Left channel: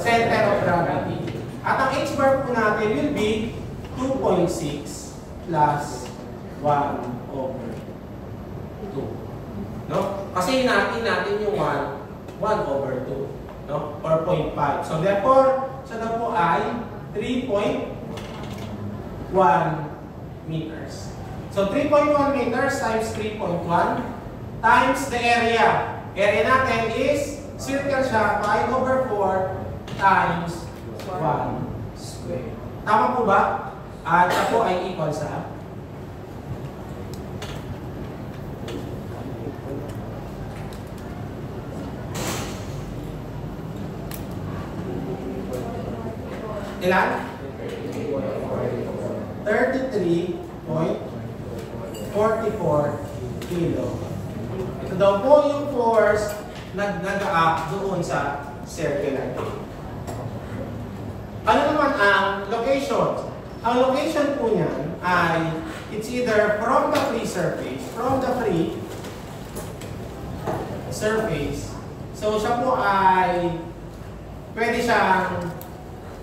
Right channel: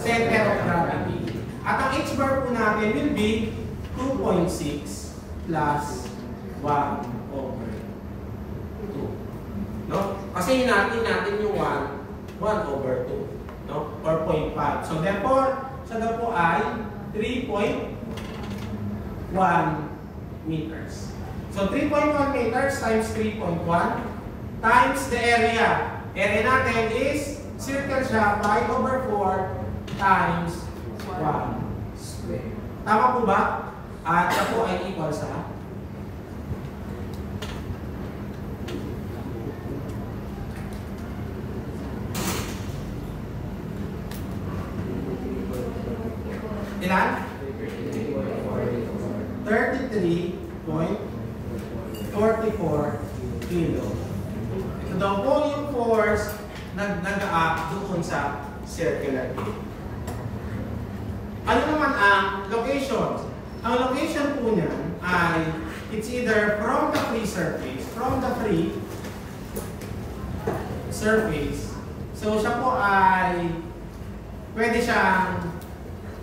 center of gravity. At ang h bar po natin will be 2.6 plus 1 over 2. No? Kasi natin yung 1 over 2. No? Or 0.5. So therefore, so na po ay 3.1 meters. So 3.1 meters times 3.1 times the area. Area natin is circle siya 5 over 4 times 1 square. Tama po ba? At ito ay equal sa ilan? 33.44 kilo. Ito daw po yung force nag-a-act doon sa circular tape. Ano naman ang location? Ang location po niyan ay it's either from the free surface. So siya po ay pwede siyang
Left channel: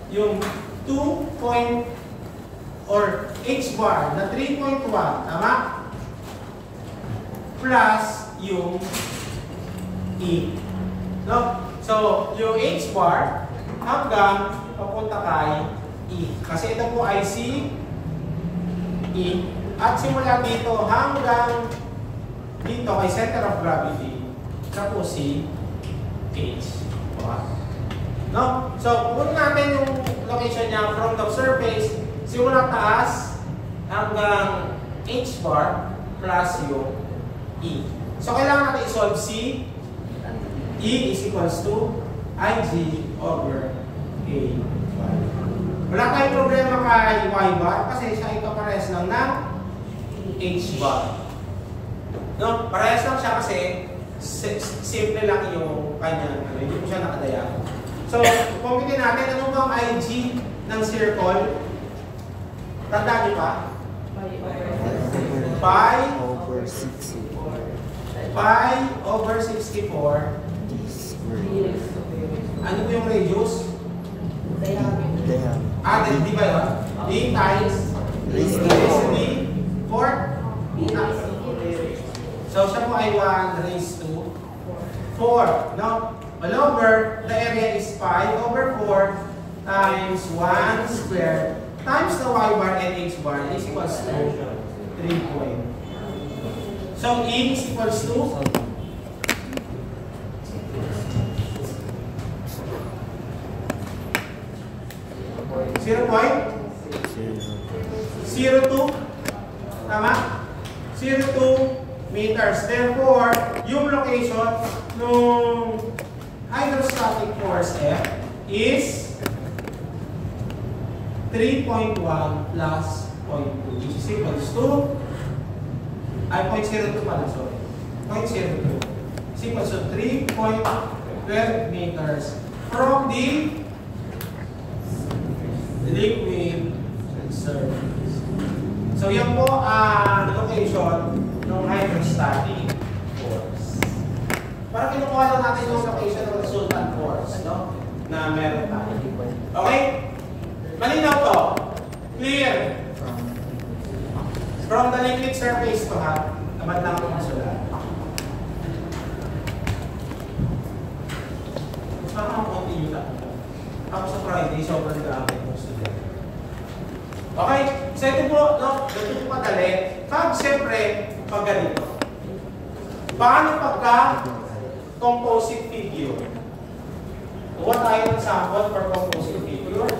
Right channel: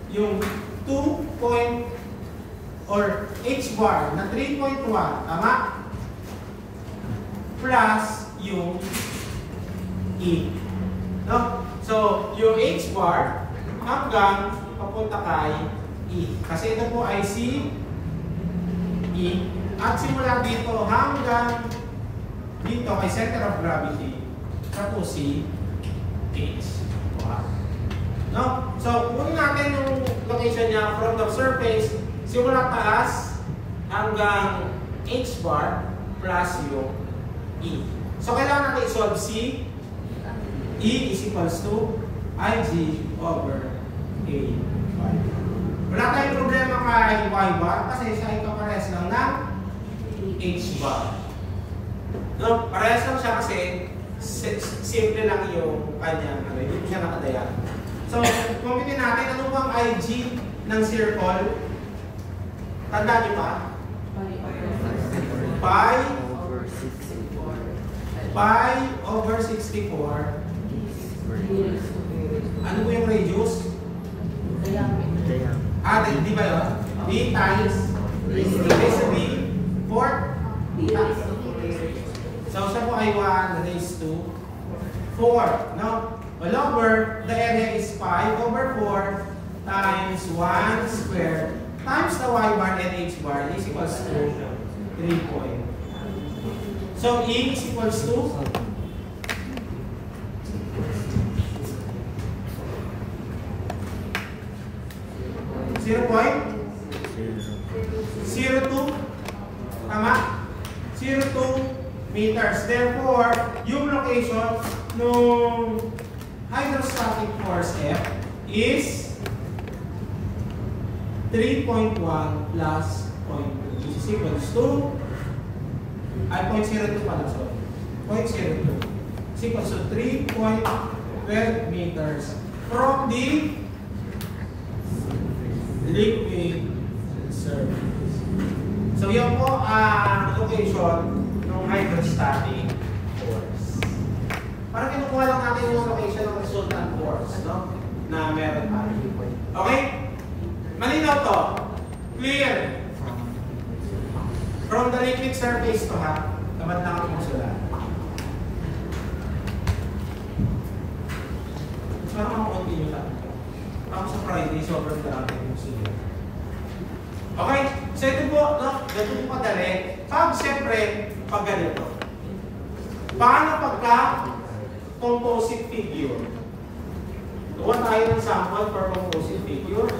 yung 2 or h bar na 3.1, tama? Plus yung e. No? So, yung h bar hanggang papunta kay e. Kasi ito po ay c, e. At simula dito hanggang dito kay center of gravity, ito po si h. No? So, kunin natin yung location niya from the surface, simula taas hanggang h bar plus yung e. So, kailangan natin i-solve c. E is equals to ig over a. Wala tayong problema kay y bar kasi siya ay kapares lang ng h bar. No? Parehas lang siya kasi simple lang yung kanyang, hindi po siya nakadayan. So, kumpitin natin, ano bang IG ng circle? Tanda niyo ba? Pi over 64. Ano po yung radius? Di ba yun? D times raised to D 4. So, siya po ay 1 raised to 4. No? All over, the area is 5 over 4 times 1 squared times the y bar and h bar is equals to 3 point. So, E is equals to 0.02, tama? 02 meters. Therefore, yung location ng hydrostatic force F is 3.1 plus 0.2, which is equals to 0.02 pala, sorry. 0.02 is equals to 3.12 meters from the liquid surface. So, yan po ang location ng hydrostatic force. Para kinukuha lang natin yung location ng resultant force, no? Na meron tayo. Okay? Malinaw to. Clear. From the liquid surface to ha. Tamad lang ang sulat. Parang continue lang. Ako sa Friday, sobrang dami kong sulat. Okay? So ito po, no? Ganito po madali. Pag siyempre, pag ganito. Paano pagka composite figure? Gawa tayo ng sample for composite figure.